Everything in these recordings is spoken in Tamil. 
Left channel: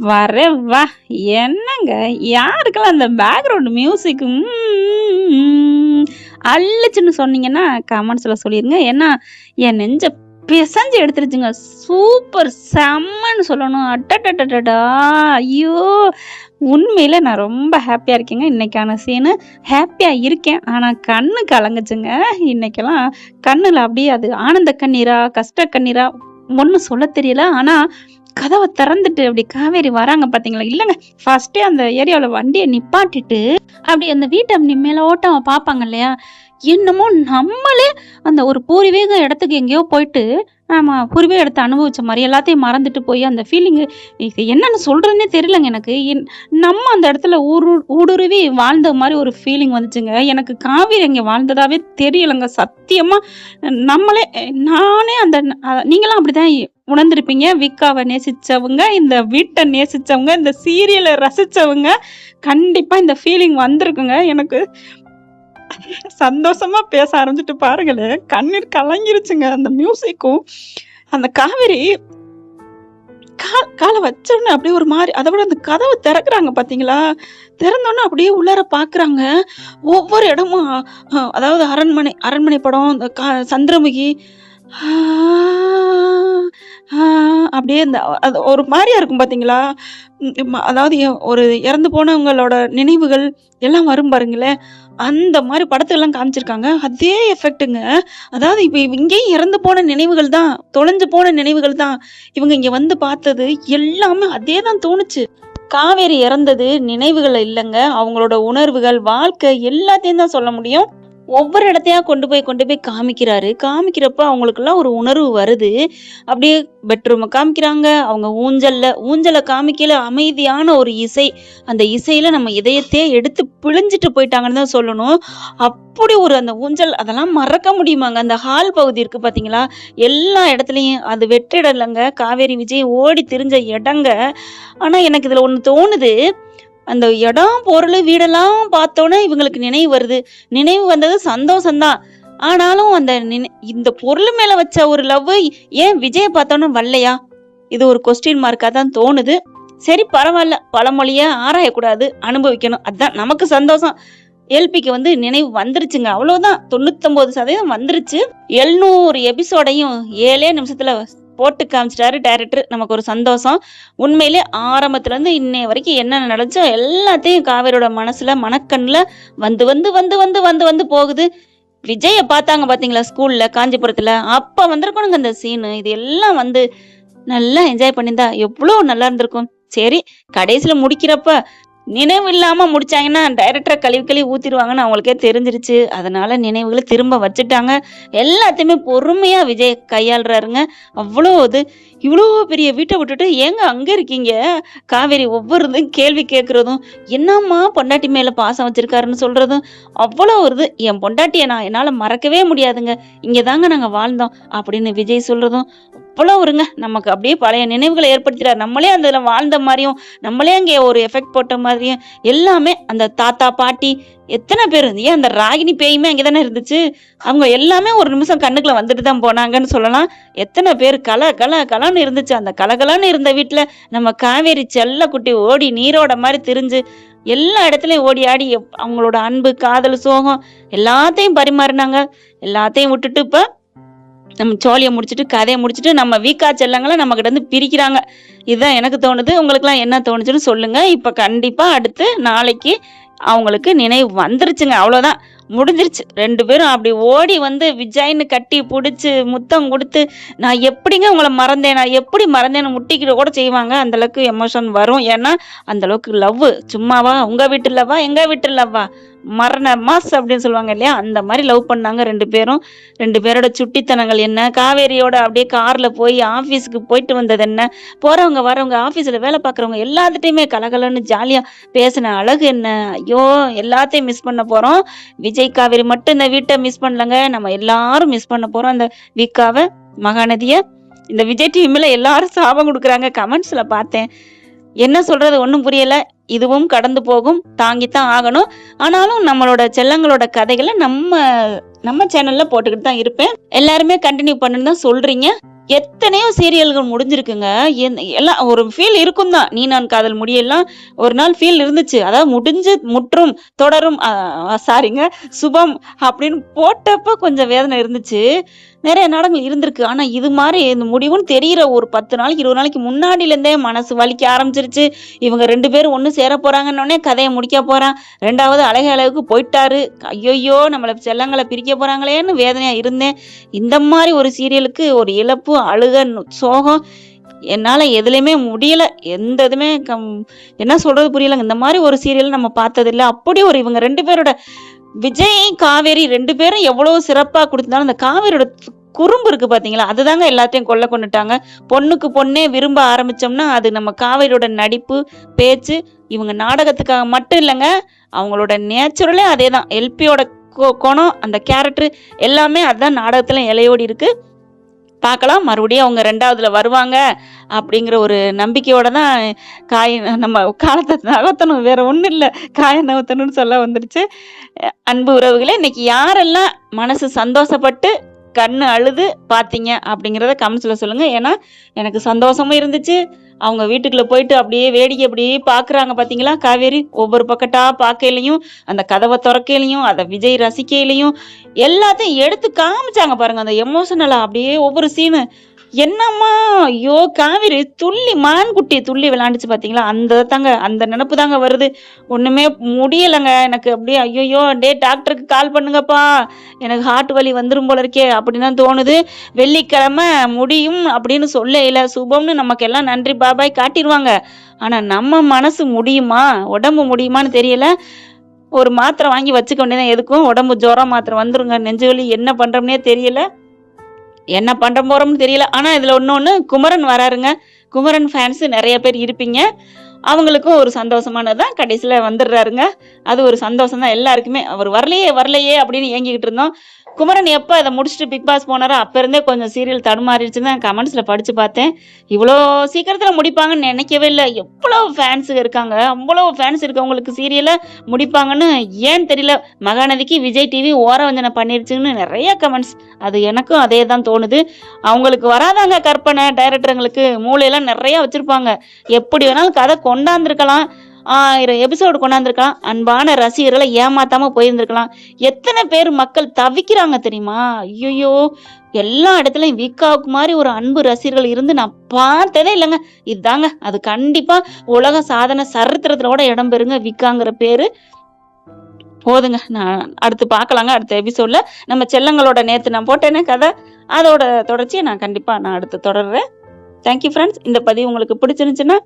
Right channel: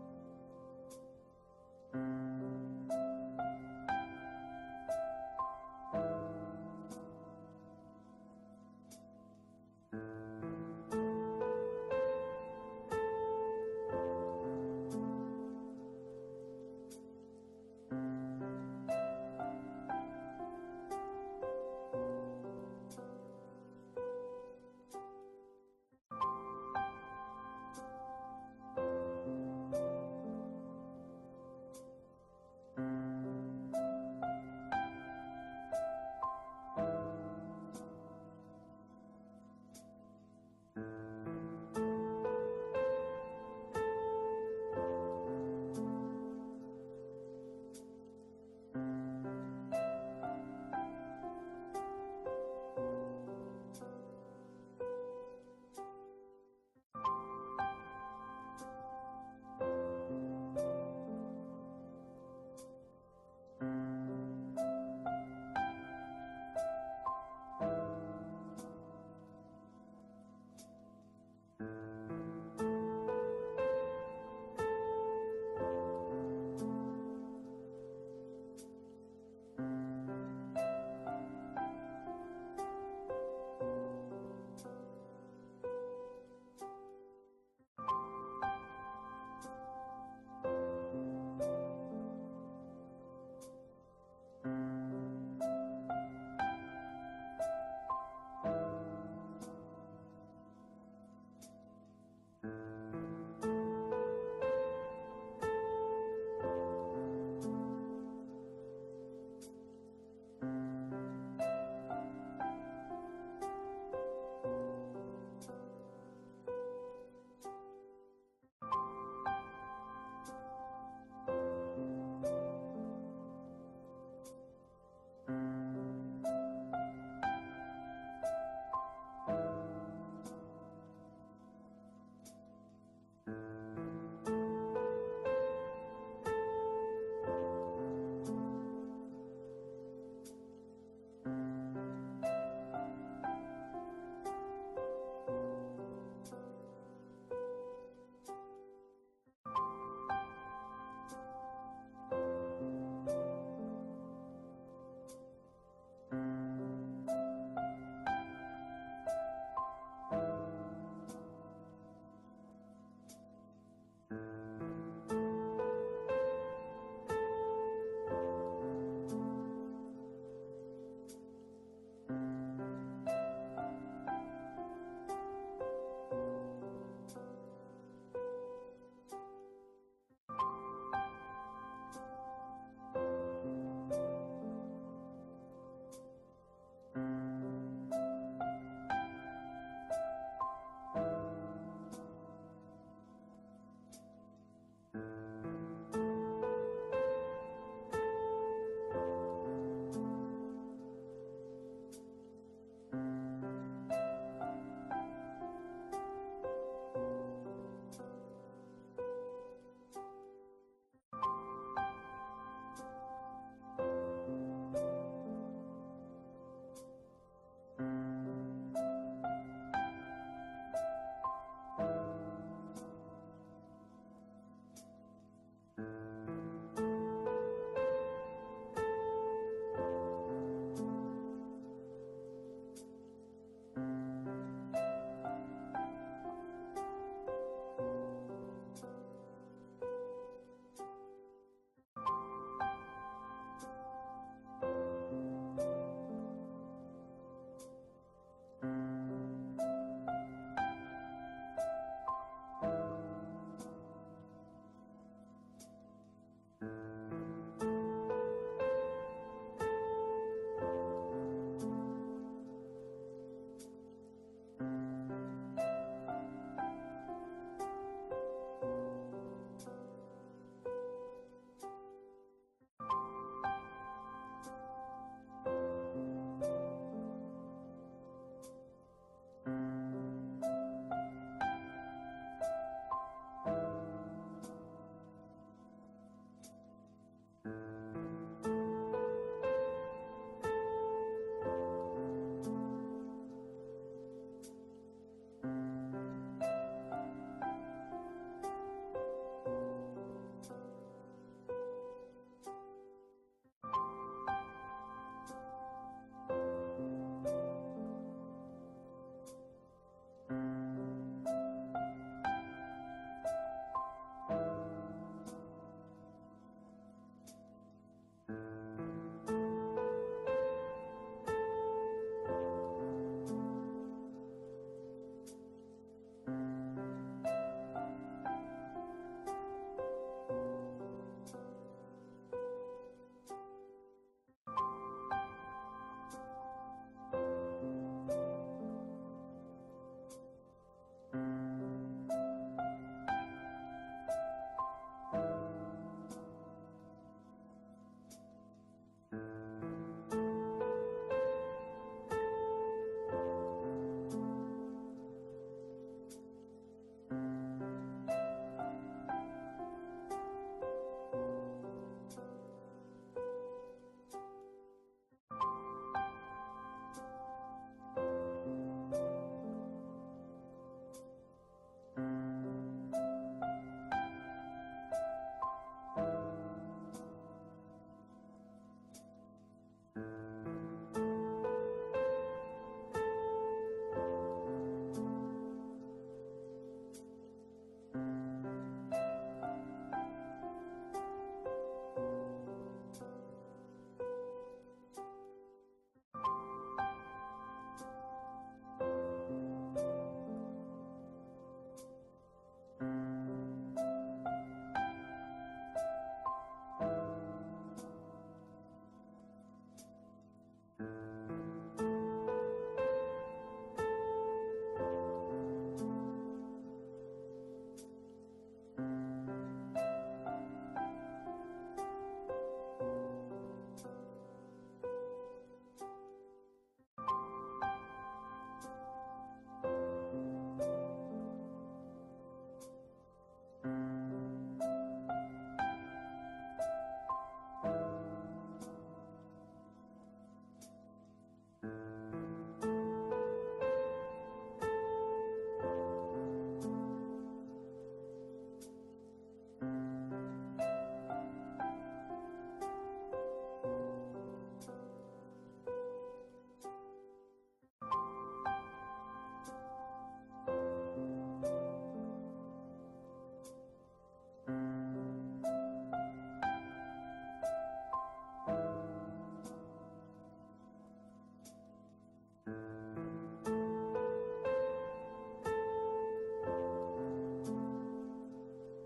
வரேன் வா! என்னங்க யாருக்கெல்லாம் அந்த பேக்ரவுண்ட் மியூசிக் அள்ளுச்சுன்னு சொன்னீங்கன்னா, கமெண்ட்ஸ்ல சொல்லிருங்க. ஏன்னா, என் நெஞ்ச பிசஞ்சு எடுத்துருச்சுங்க. சூப்பர்! செம்மன்னு சொல்லணும். அட்டட்டட்டடா! ஐயோ! உண்மையில நான் ரொம்ப ஹேப்பியா இருக்கேங்க. இன்னைக்கான சீனு. ஹேப்பியா இருக்கேன். ஆனா கண்ணு கலங்குச்சுங்க. இன்னைக்கெல்லாம் கண்ணுல அப்படியே அது ஆனந்த கண்ணீரா? கஷ்ட கண்ணீரா? ஒண்ணும் சொல்லத் தெரியல. ஆனா கதவ திறந்துட்டு அப்படி காவேரி வராங்க பார்த்தீங்களா? இல்லங்க. ஃபர்ஸ்ட்டே அந்த ஏரியாவுல வண்டிய நிப்பாட்டிட்டு, அப்படி அந்த வீட்ட மேலோட்டம் பார்ப்பாங்க இல்லையா? என்னமோ நம்மளே அந்த ஒரு பூர்வீக இடத்துக்கு எங்கேயோ போயிட்டு, நம்ம பூர்வீக இடத்த அனுபவிச்ச மாரி எல்லாத்தையும் மறந்துட்டு போய் அந்த ஃபீலிங்கு இது என்னன்னு சொல்றதுன்னே தெரியலங்க எனக்கு. நம்ம அந்த இடத்துல ஊடுருவி வாழ்ந்த மாரி ஒரு ஃபீலிங் வந்துச்சுங்க. எனக்கு காவேரி அங்க வாழ்ந்ததாவே தெரியலங்க. சத்தியமா நம்மளே நானே அந்த நீங்கலாம் அப்படிதான் உணர்ந்திருப்பீங்க. விக்காவ நேசிச்சவங்க, இந்த வீட்ட நேசிச்சவங்க, இந்த சீரியல ரசிச்சவங்க, கண்டிப்பா இந்த ஃபீலிங் வந்திருக்குங்க. எனக்கு சந்தோஷமா பேச ஆரம்பிச்சுட்டு பாருங்களேன், கண்ணீர் கலங்கிருச்சுங்க. அந்த மியூசிக்கும், அந்த காவேரி கால வச்சோனே அப்படியே ஒரு மாரி அத விட அந்த கதவ திறக்குறாங்க பார்த்தீங்களா? திறந்தோனே அப்படியே உள்ளார பார்க்குறாங்க. ஒவ்வொரு இடமும் அதாவது அரண்மனை படம், இந்த சந்திரமுகி ஆ ஆ அப்படியே இந்த அது ஒரு மாரியா இருக்கும் பார்த்தீங்களா? அதாவது ஒரு இறந்து போனவங்களோட நினைவுகள் எல்லாம் வரும் பாருங்களேன். அந்த மாரி படத்துலலாம் காமிச்சிருக்காங்க. அதே எஃபெக்ட்டுங்க. அதாவது இப்ப இங்கேயும் இறந்து போன நினைவுகள் தான், தொலைஞ்சு போன நினைவுகள் தான். இவங்க இங்க வந்து பார்த்தது எல்லாமே அதே தான் தோணுச்சு. காவேரி இறந்தது நினைவுகள் இல்லங்க. அவங்களோட உணர்வுகள், வாழ்க்கை எல்லாத்தையும் தான் சொல்ல முடியும். ஒவ்வொரு இடத்தையா கொண்டு போய் காமிக்கிறாரு. காமிக்கிறப்ப அவங்களுக்கெல்லாம் ஒரு உணர்வு வருது. அப்படியே பெட்ரூம காமிக்கிறாங்க. அவங்க ஊஞ்சல காமிக்கையில அமைதியான ஒரு இசை. அந்த இசையில நம்ம இதயத்தையே எடுத்து பிழிஞ்சிட்டு போயிட்டாங்கன்னு தான் சொல்லணும். அப்படி ஒரு அந்த ஊஞ்சல் அதெல்லாம் மறக்க முடியுமாங்க? அந்த ஹால் பகுதி இருக்கு பார்த்தீங்களா? எல்லா இடத்துலயும் அது வெற்றிடம் இல்லங்க. காவேரி, விஜய் ஓடி திரிஞ்ச இடங்க. ஆனா எனக்கு இதுல ஒண்ணு தோணுது. அந்த இடம், பொருளு, வீடெல்லாம் பார்த்தோனே இவங்களுக்கு நினைவு வருது. நினைவு வந்தது சந்தோஷம் தான். ஆனாலும் அந்த இந்த பொருள் மேல வச்ச ஒரு லவ் ஏன் விஜய பார்த்தோனே வரலையா? இது ஒரு கொஸ்டின் மார்க்கா தான் தோணுது. சரி பரவால்ல. பழமொழிய ஆராயக்கூடாது. அனுபவிக்கணும். அதான் நமக்கு சந்தோஷம். எல்பிக்கு வந்து நினைவு வந்துருச்சுங்க. அவ்வளோதான். 99% வந்துருச்சு. 700 எபிசோடையும் 7 நிமிஷத்துல போட்டு காமிச்சிட்டாரு டைரக்டர். நமக்கு ஒரு சந்தோஷம். உண்மையிலே ஆரம்பத்துல இருந்து இன்னைய வரைக்கும் என்ன நடந்துச்சோ எல்லாத்தையும் காவேரியோட மனசுல, மனக்கண்ணுல வந்து வந்து வந்து வந்து வந்து வந்து போகுது. விஜய பார்த்தாங்க பார்த்தீங்களா ஸ்கூல்ல, காஞ்சிபுரத்துல. அப்ப வந்திருக்கணுங்க அந்த சீனு. இது எல்லாம் வந்து நல்லா என்ஜாய் பண்ணியிருந்தா எவ்ளோ நல்லா இருந்திருக்கும். சரி, கடைசில முடிக்கிறப்ப நினைவு இல்லாம முடிச்சாங்கன்னா, டைரக்டர கழுவி கழுவி ஊத்திருவாங்கன்னு அவங்களுக்கே தெரிஞ்சிருச்சு. அதனால நினைவுகள திரும்ப வச்சுட்டாங்க. எல்லாத்தையுமே பொறுமையா விஜய் கையாளுறாருங்க. அவ்ளோ இவ்ளோ பெரிய வீட்ட விட்டுட்டு ஏங்க அங்க இருக்கீங்க? காவேரி ஒவ்வொரு கேள்வி கேட்கிறதும், என்னம்மா பொண்டாட்டி மேல பாசம் வச்சிருக்காருன்னு சொல்றதும், அவ்வளோ ஒரு என் பொண்டாட்டிய என்னால மறக்கவே முடியாதுங்க. இங்க தாங்க நாங்க வாழ்ந்தோம் அப்படின்னு விஜய் சொல்றதும், அவ்வளோ ஒருங்க நமக்கு அப்படியே பழைய நினைவுகள ஏற்படுத்திறாரு. நம்மளே அதுல வாழ்ந்த மாரியும், நம்மளே அங்கே ஒரு எஃபெக்ட் போட்ட மாதிரியும் எல்லாமே அந்த தாத்தா, பாட்டி எத்தன பேரு ஏன் அந்த ராகினி பேயுமே அங்கே தானே இருந்துச்சு. அவங்க எல்லாமே ஒரு நிமிஷம் கண்ணுக்குள்ள வந்துட்டு தான் போனாங்கன்னு சொல்லலாம். எத்தன பேரு கலன்னு இருந்துச்சு. அந்த கலகலன்னு இருந்த வீட்ல நம்ம காவேரி செல்லக்குட்டி ஓடி நீரோட மாரி திரிஞ்சு, எல்லா இடத்துலயும் ஓடி ஆடி அவங்களோட அன்பு, காதல், சோகம் எல்லாத்தையும் பரிமாறினாங்க. எல்லாத்தையும் விட்டுட்டு இப்ப நம்ம சோழிய முடிச்சுட்டு, கதைய முடிச்சுட்டு, நம்ம வீக்கா செல்லங்கள நம்மகிட்ட இருந்து பிரிக்கிறாங்க. இதுதான் எனக்கு தோணுது. உங்களுக்கெல்லாம் என்ன தோணுச்சுன்னு சொல்லுங்க. இப்ப கண்டிப்பா அடுத்து நாளைக்கு அவங்களுக்கு நினைவு வந்துருச்சுங்க. அவ்வளோதான். முடிஞ்சிருச்சு. 2 பேரும் அப்படி ஓடி வந்து விஜய்ன்னு கட்டி புடிச்சு, முத்தம் குடுத்து, நான் எப்படிங்க உங்கள மறந்தேன்? நான் எப்படி மறந்தேன்னு முட்டிக்கிட கூட செய்வாங்க. அந்த அளவுக்கு எமோஷன் வரும். ஏன்னா, அந்த அளவுக்கு லவ்வு. சும்மாவா? உங்க வீட்டு லவ்வா? எங்க வீட்டு லவ்வா? மரண மாஸ் அப்படின்னு சொல்லுவாங்க இல்லையா? அந்த மாரி லவ் பண்ணாங்க 2 பேரும். 2 பேரோட சுட்டித்தனங்கள் என்ன? காவேரியோட அப்படியே கார்ல போய் ஆஃபீஸ்க்கு போயிட்டு வந்தது என்ன? போறவங்க, வரவங்க, ஆஃபீஸ்ல வேலை பார்க்குறவங்க எல்லாத்துட்டயுமே கலகலன்னு ஜாலியா பேசின அழகு என்ன? ஐயோ! எல்லாத்தையும் மிஸ் பண்ண போறோம். விஜய், காவேரி மட்டும் இந்த வீட்ட மிஸ் பண்ணலங்க. நம்ம எல்லாரும் மிஸ் பண்ண போறோம். அந்த விக்காவ, மகாநதிய. இந்த விஜய் டிவி மேல எல்லாரும் சாபம் குடுக்குறாங்க. கமெண்ட்ஸ்ல பார்த்தேன். என்ன சொல்றது ஒண்ணும் புரியல. இதுவும் கடந்து போகும். தாங்கித்தான் ஆகணும். ஆனாலும் நம்மளோட செல்லங்களோட கதைகள நம்ம சேனல்ல போட்டுக்கிட்டு தான் இருப்பேன். எல்லாருமே கன்டின்யூ பண்ணுன்னு தான் சொல்றீங்க. எத்தனையோ சீரியல்கள் முடிஞ்சிருக்குங்க. எல்லாம் ஒரு ஃபீல் இருக்கும் தான். "நீ நான் காதல்" முடியெல்லாம் ஒரு நாள் ஃபீல் இருந்துச்சு. அதாவது முடிஞ்சு முற்றும், தொடரும் சாரிங்க சுபம் அப்படின்னு போட்டப்ப கொஞ்சம் வேதனை இருந்துச்சு. நெறைய நாடகங்கள் இருந்திருக்கு. ஆனா இது மாரி இந்த முடிவுன்னு தெரியிற ஒரு 10 நாளைக்கு, 20 நாளைக்கு முன்னாடிலேருந்தே மனசு வலிக்க ஆரம்பிச்சுருச்சு. இவங்க 2 பேரும் ஒண்ணு சேர போறாங்கன்னோனே கதைய முடிக்க போறான். 2வது அழகு அளவுக்கு போயிட்டாரு. ஐய்யய்யோ! நம்மள செல்லங்கள பிரிக்க போறாங்களேன்னு வேதனையா இருந்தேன். இந்த மாரி ஒரு சீரியலுக்கு ஒரு இழப்பு, அழுக, சோகம் என்னால எதுலயுமே முடியல. எந்த இதுமே என்ன சொல்றது புரியலங்க. இந்த மாரி ஒரு சீரியல் நம்ம பார்த்ததில்ல. அப்படி ஒரு இவங்க 2 பேரோட விஜய், காவேரி 2 பேரும் எவ்வளவு சிறப்பா குடுத்திருந்தாலும், அந்த காவேரியோட குறும்பு இருக்கு பார்த்தீங்களா? அதுதாங்க எல்லாத்தையும் கொள்ள கொண்டுட்டாங்க. பொண்ணுக்கு பொண்ணே விரும்ப ஆரம்பிச்சோம்னா, அது நம்ம காவேரியோட நடிப்பு, பேச்சு, இவங்க நாடகத்துக்காக மட்டும் இல்லங்க. அவங்களோட நேச்சுரலே அதேதான். எல்பியோட குணம், அந்த கேரக்டர் எல்லாமே அதான் நாடகத்துல இழையோடி இருக்கு. பார்க்கலாம். மறுபடியும் அவங்க 2வதுல வருவாங்க அப்படிங்கிற ஒரு நம்பிக்கையோட தான் நம்ம காலத்த நகர்த்தணும். வேற ஒண்ணும் இல்ல. காய நகர்த்தணும்னு சொல்ல வந்துடுச்சு. அன்பு உறவுகளே, இன்னைக்கு யாரெல்லாம் மனசு சந்தோஷப்பட்டு, கண்ணு அழுது பார்த்தீங்க அப்படிங்கிறத கமெண்ட்ஸ்ல சொல்லுங்க. ஏன்னா, எனக்கு சந்தோஷமும் இருந்துச்சு. அவங்க வீட்டுக்குள்ள போயிட்டு அப்படியே வேடிக்கை அப்படியே பார்க்குறாங்க பார்த்தீங்களா, காவேரி. ஒவ்வொரு பக்கட்டா பார்க்கையிலயும், அந்த கதவ தொறக்கையிலயும், அத விஜய் ரசிக்கையிலயும், எல்லாத்தையும் எடுத்து காமிச்சாங்க பாருங்க. அந்த எமோஷனலா அப்படியே ஒவ்வொரு சீனு. என்னம்மா! ஐயோ! காவேரி துள்ளி மான்குட்டி துள்ளி விளையாண்டுச்சு பார்த்தீங்களா? அந்த நெனப்பு தாங்க வருது. ஒண்ணுமே முடியலங்க. எனக்கு அப்படியே ஐய்யய்யோ! டேய் டாக்டருக்கு கால் பண்ணுங்கப்பா. எனக்கு ஹார்ட் வலி வந்துரும் போல இருக்கே! அப்படின்னு தான் தோணுது. வெள்ளிக்கிழமை முடியும் அப்படின்னு சொல்லையில, சுபம்னு நமக்கெல்லாம் நன்றி பாய் காட்டிருவாங்க. ஆனா நம்ம மனசு முடியுமா? உடம்பு முடியுமான்னு தெரியல. ஒரு மாத்திரை வாங்கி வச்சுக்க வேண்டியது எதுக்கும். உடம்பு ஜுரம் மாத்திரை வந்துருங்க. நெஞ்சு வலி என்ன பண்றோம்னே தெரியல. என்ன பண்ண போறோம்னு தெரியல. ஆனா இதுல இன்னொன்னு குமரன் வராருங்க. குமரன் ஃபேன்ஸ் நெறைய பேர் இருப்பீங்க. அவங்களுக்கும் ஒரு சந்தோஷமானது தான். கடைசில வந்துடுறாருங்க. அது ஒரு சந்தோஷம் தான் எல்லாருக்குமே. அவர் வரலையே வரலையே அப்படின்னு ஏங்கிக்கிட்டு இருந்தோம். குமரன் எப்ப அத முடிச்சுட்டு பிக் பாஸ் போனாரோ, அப்ப இருந்தே கொஞ்சம் சீரியல் தடுமாறிடுச்சுன்னு தான் கமெண்ட்ஸ்ல படிச்சு பார்த்தேன். இவ்வளோ சீக்கிரத்துல முடிப்பாங்கன்னு நெனைக்கவே இல்ல. எவ்வளவு ஃபேன்ஸுக இருக்காங்க. அவ்வளவு ஃபேன்ஸ் இருக்கவங்களுக்கு சீரியல முடிப்பாங்கன்னு ஏன் தெரியல. மகாநதிக்கு விஜய் டிவி ஓரவஞ்சனை பண்ணிருச்சுன்னு நெறைய கமெண்ட்ஸ். அது எனக்கும் அதே தான் தோணுது. அவங்களுக்கு வராதாங்க கற்பனை டைரக்டருங்களுக்கு. மூளையெல்லாம் நெறைய வச்சிருப்பாங்க. எப்படி வேணாலும் கதை கொண்டாந்துருக்கலாம். 1000 எபிசோடு கொண்டாந்துருக்கலாம். அன்பான ரசிகர்களை ஏமாத்தாம போயிருந்திருக்கலாம். எத்தனை பேர் மக்கள் தவிக்கிறாங்க தெரியுமா? ஐய்யய்யோ! எல்லா இடத்துலயும் விக்காவுக்கு மாரி ஒரு அன்பு ரசிகர்கள் இருந்து நான் பார்த்ததே இல்லங்க. இதாங்க. அது கண்டிப்பா உலக சாதனை சரித்திரத்திலோட இடம் பெறுங்க விக்காங்கிற பேரு. போதுங்க. நான் அடுத்து பார்க்கலாங்க. அடுத்த எபிசோட்ல நம்ம செல்லங்களோட நேத்து நான் போட்டேனே கதை, அதோட தொடர்ச்சிய நான் கண்டிப்பா அடுத்து தொடர்றேன். Thank you friends. இந்த பதிவு உங்களுக்கு பிடிச்சிருந்துச்சுன்னா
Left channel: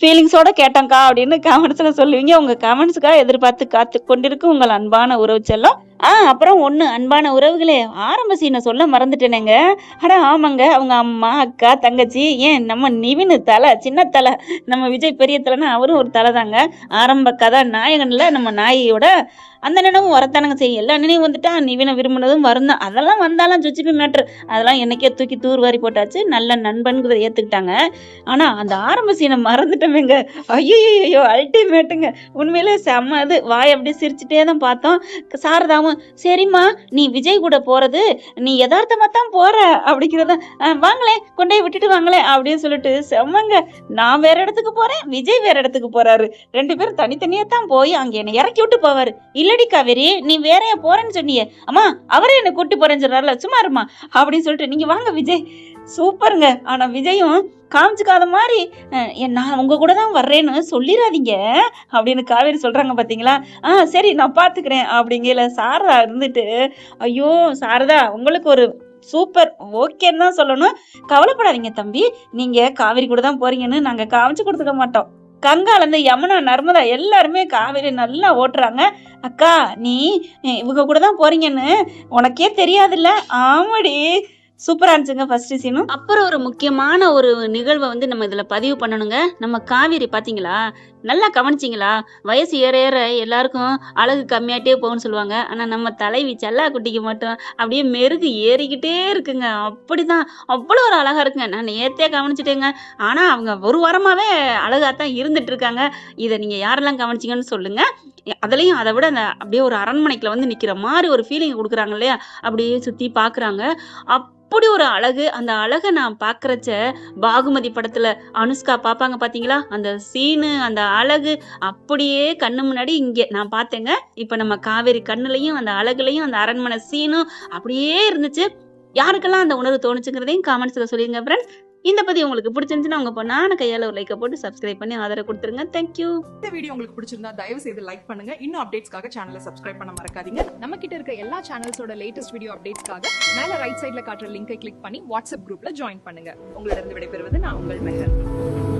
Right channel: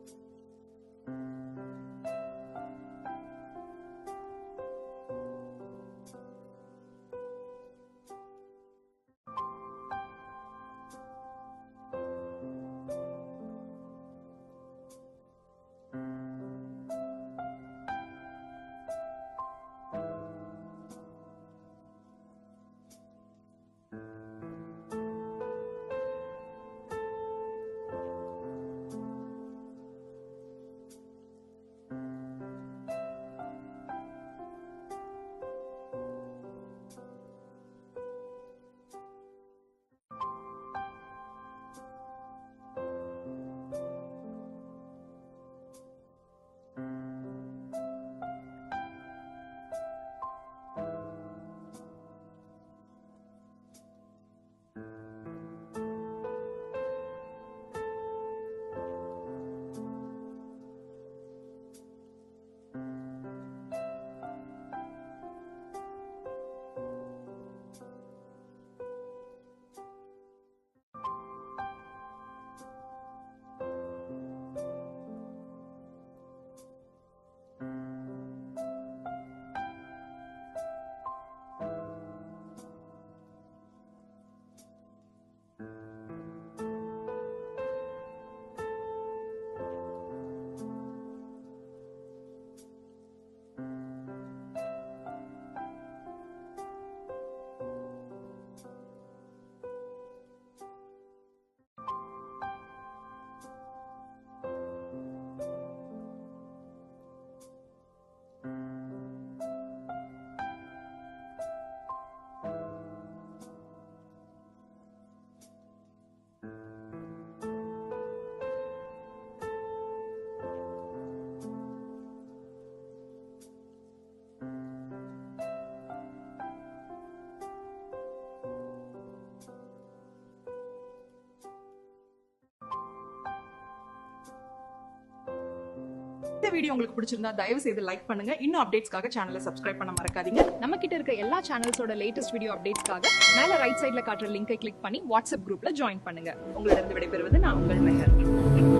ஃபீலிங்ஸோட கேட்டேன்க்கா அப்படின்னு கமெண்ட்ஸ்ல சொல்லுவீங்க. உங்க கமெண்ட்ஸ்க்காக எதிர்பார்த்து காத்து கொண்டிருக்கும் உங்கள் அன்பான உறவு செல்லம். அப்புறம் ஒண்ணு அன்பான உறவுகளே, ஆரம்ப சீனை சொல்ல மறந்துட்டேனேங்க. அட ஆமாங்க. அவங்க அம்மா, அக்கா, தங்கச்சி, ஏன் நம்ம நிவின் தல, சின்ன தல, நம்ம விஜய் பெரிய தலைன்னா அவரும் ஒரு தலை தாங்க. ஆரம்ப கதாநாயகன்ல நம்ம நாயியோட அந்த நினைவும் வரத்தானங்க செய்யும். எல்லா நினைவும் வந்துட்டா நிவினை விரும்பினதும் வரும் தான். அதெல்லாம் வந்தாலும் சுச்சிப்பி மேட்ரு. அதெல்லாம் என்னைக்கே தூக்கி தூர்வாரி போட்டாச்சு. நல்ல நண்பன்கிறத ஏத்துக்கிட்டாங்க. ஆனா அந்த ஆரம்ப சீனை மறந்துட்டோமேங்க. ஐயோ அல்டிமேட்டுங்க. உண்மையிலே செம்ம இது. வாய் அப்படியே சிரிச்சுட்டே தான் பார்த்தோம். சாரதாவும் சரிம்மா நீ விஜய் கூட போறது நீ யதார்த்தமா தான் போற அப்படிங்கிறத வாங்களேன் கொண்டே விட்டுட்டு வாங்களேன் அப்படின்னு சொல்லிட்டு செம்மங்க. நான் வேற இடத்துக்கு போறேன், விஜய் வேற இடத்துக்கு போறாரு. 2 பேரும் தனித்தனியா தான் போய் அங்க என்னை இறக்கி விட்டு போவாரு. இல்லடி காவேரி நீ வேறையா போறேன்னு சொன்னியே, அம்மா அவரே என்ன கூட்டி போறேன்னு சொல்றாருல சும்மா இருமா அப்படின்னு சொல்லிட்டு நீங்க வாங்க விஜய். சூப்பருங்க. ஆனா விஜயும் காமிச்சுக்காத மாதிரி நான் உங்க கூட தான் வர்றேன்னு சொல்லிடாதீங்க அப்படின்னு காவேரி சொல்றாங்க பாத்தீங்களா. சரி நான் பாத்துக்கிறேன் அப்படிங்கல சாரதா இருந்துட்டு, ஐயோ சாரதா உங்களுக்கு ஒரு சூப்பர் ஓகேன்னு தான் சொல்லணும். கவலைப்படாதீங்க தம்பி, நீங்க காவேரி கூட தான் போறீங்கன்னு நாங்க காமிச்சு கொடுத்துக்க மாட்டோம். கங்காலேருந்து யமுனா, நர்மதா எல்லாருமே காவேரி நல்லா ஓட்டுறாங்க. அக்கா நீ இவங்க கூட தான் போறீங்கன்னு உனக்கே தெரியாதுல்ல. ஆமாடி. சூப்பரா இருந்துச்சுங்க ஃபர்ஸ்ட் சீனும். அப்புறம் ஒரு முக்கியமான ஒரு நிகழ்வை நம்ம இதுல பதிவு பண்ணணுங்க. நம்ம காவேரி பாத்தீங்களா, நல்லா கவனிச்சிங்களா? வயசு ஏற ஏற எல்லாருக்கும் அழகு கம்மியாட்டே போகும்னு சொல்லுவாங்க. ஆனா நம்ம தலைவி செல்லா குட்டிக்கு மட்டும் அப்படியே மெருகு ஏறிக்கிட்டே இருக்குங்க. அப்படிதான் அவ்வளோ ஒரு அழகா இருக்குங்க. நான் நேத்தே கவனிச்சுட்டேங்க. ஆனா அவங்க ஒரு வாரமாவே அழகாத்தான் இருந்துட்டு இருக்காங்க. இதை நீங்க யாரெல்லாம் கவனிச்சிங்கன்னு சொல்லுங்க. அதுலயும் அதை விட அந்த அப்படியே ஒரு அரண்மனைக்குள்ள நிக்கிற மாதிரி ஒரு ஃபீலிங் கொடுக்குறாங்க இல்லையா? அப்படியே சுத்தி பாக்குறாங்க. அப்படி ஒரு அழகு. அந்த அழக நான் பார்க்கறச்ச, பாகுமதி படத்துல அனுஷ்கா பார்ப்பாங்க பார்த்தீங்களா? அந்த சீனு, அந்த அழகு அப்படியே கண்ணு முன்னாடி இங்க நான் பார்த்தேங்க. இப்ப நம்ம காவேரி கண்ணுலயும், அந்த அழகுலயும், அந்த அரண்மனை சீனும் அப்படியே இருந்துச்சு. யாருக்கெல்லாம் அந்த உணர்வு தோணுச்சுங்கிறதையும் காமெண்ட்ஸ்ல சொல்லிருங்க ஃப்ரெண்ட்ஸ். இந்த பதிவு உங்களுக்கு பிடிச்சிருந்துச்சுன்னா, உங்க பொண்ணான கையால ஒரு லைக்க போட்டு சப்ஸ்கிரைப் பண்ணி ஆதரவு குடுத்துருங்க. Thank you. இந்த வீடியோ உங்களுக்கு பிடிச்சிருந்தா தயவு செய்து லைக் பண்ணுங்க. இன்னும் அப்டேட்ஸ்க்காக சேனலை சப்ஸ்கிரைப் பண்ண மறக்காதீங்க. நம்ம கிட்ட இருக்க எல்லா சேனல்ஸோட லேட்டஸ்ட் வீடியோ அப்டேட்ஸ்க்காக மேல ரைட் சைடுல காட்டுற லிங்கை கிளிக் பண்ணி வாட்ஸ்அப் குரூப்ல ஜாயின் பண்ணுங்க. உங்களிடம் விடைபெறுவது நான் உங்கள் மெஹர்.